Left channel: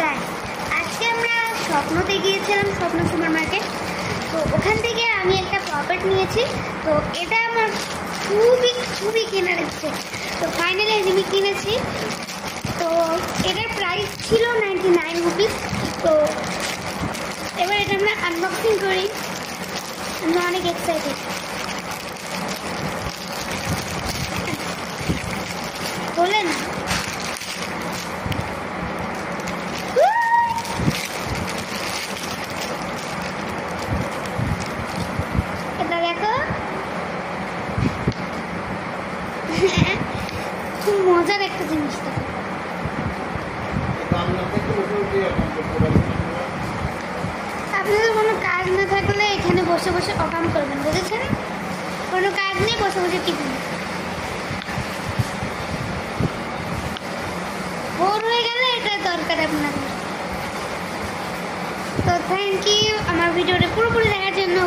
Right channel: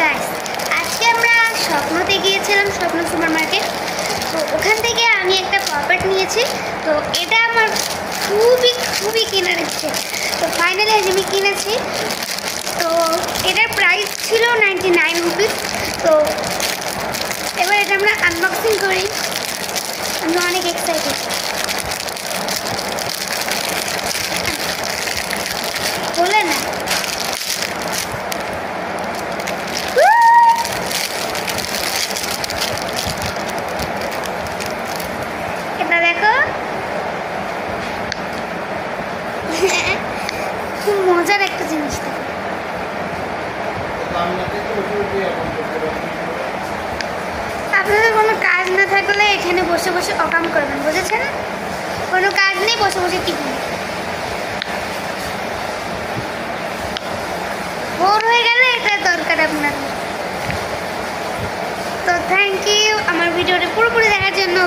Guys, আজকে আমরা স্বপ্নতে গিয়েছিলাম, স্বপ্ন সুপার মার্কেট। তো ওখান থেকে আমি একটা প্রপার্ট নিয়েছি। তো এটা আমার খুবই কেনার ইচ্ছে। তো ফাইনালি আমি কিনেছি। তো এটার প্রাইস ছিল 99 রুপিস। তো এবার এটা আমরা আনবক্সিং করি। আমরা অনেক এক্সাইটেড। খোলে না, এটা দেখো, খুব মজার একটা জিনিস। আপনাদের কোনো কাজ না থাকলে এখানে বসে বসে অকাম করবেন, বুঝেছেন? কোনো কাজ নেই, বসে বসে টিপুন। বোর হয়ে গেলে এটা দরকার আপনার। তো থ্যাংক ইউ আমার ভিডিওটা পুরোপুরি দেখার জন্য।